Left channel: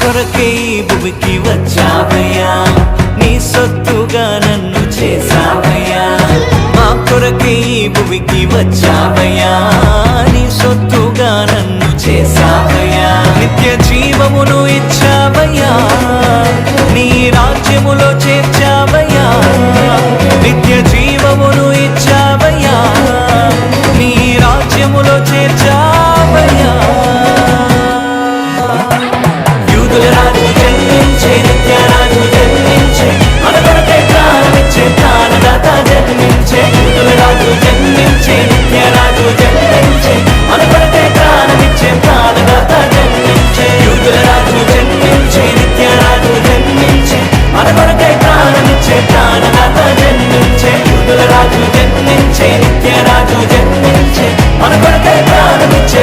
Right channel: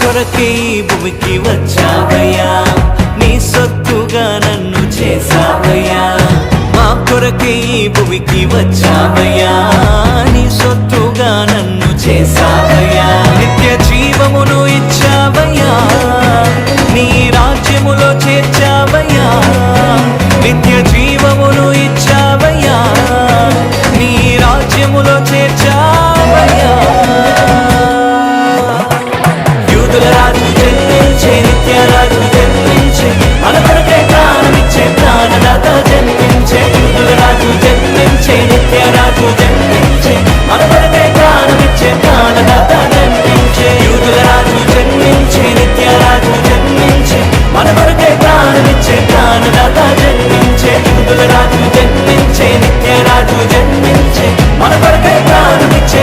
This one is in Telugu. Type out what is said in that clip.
కొరకే ఈ భూమికి వచ్చావయ్యా, నీ సొత్తుగా నన్ను చేసావయ్యా. మా కొరకే ఈ భూమికి వచ్చావయ్యా, నీ సొత్తుగా నన్ను చేసావయ్యా. నిత్య జీవమును ఇచ్చావయ్యా, నీ రాజ్యములో చేర్చావయ్యా. నిత్య జీవమును ఇచ్చావయ్యా, నీ రాజ్యములో చేర్చావయ్యా. యూదుల రాజు జన్మించే, నిత్య రాజు జన్మించే, మన కొరకై ప్రాణమిచ్చే ప్రాణదాత జన్మించే. యూదుల రాజు జన్మించే, నిత్య రాజు జన్మించే, మన కొరకై ప్రాణమిచ్చే ప్రాణదాత జన్మించే. యూదుల రాజు జన్మించే, నిత్య రాజు జన్మించే, మన కొరకై ప్రాణమిచ్చే ప్రాణదాత జన్మించే. యూదుల రాజు జన్మించే, నిత్య రాజు జన్మించే, మన కొరకై ప్రాణమిచ్చే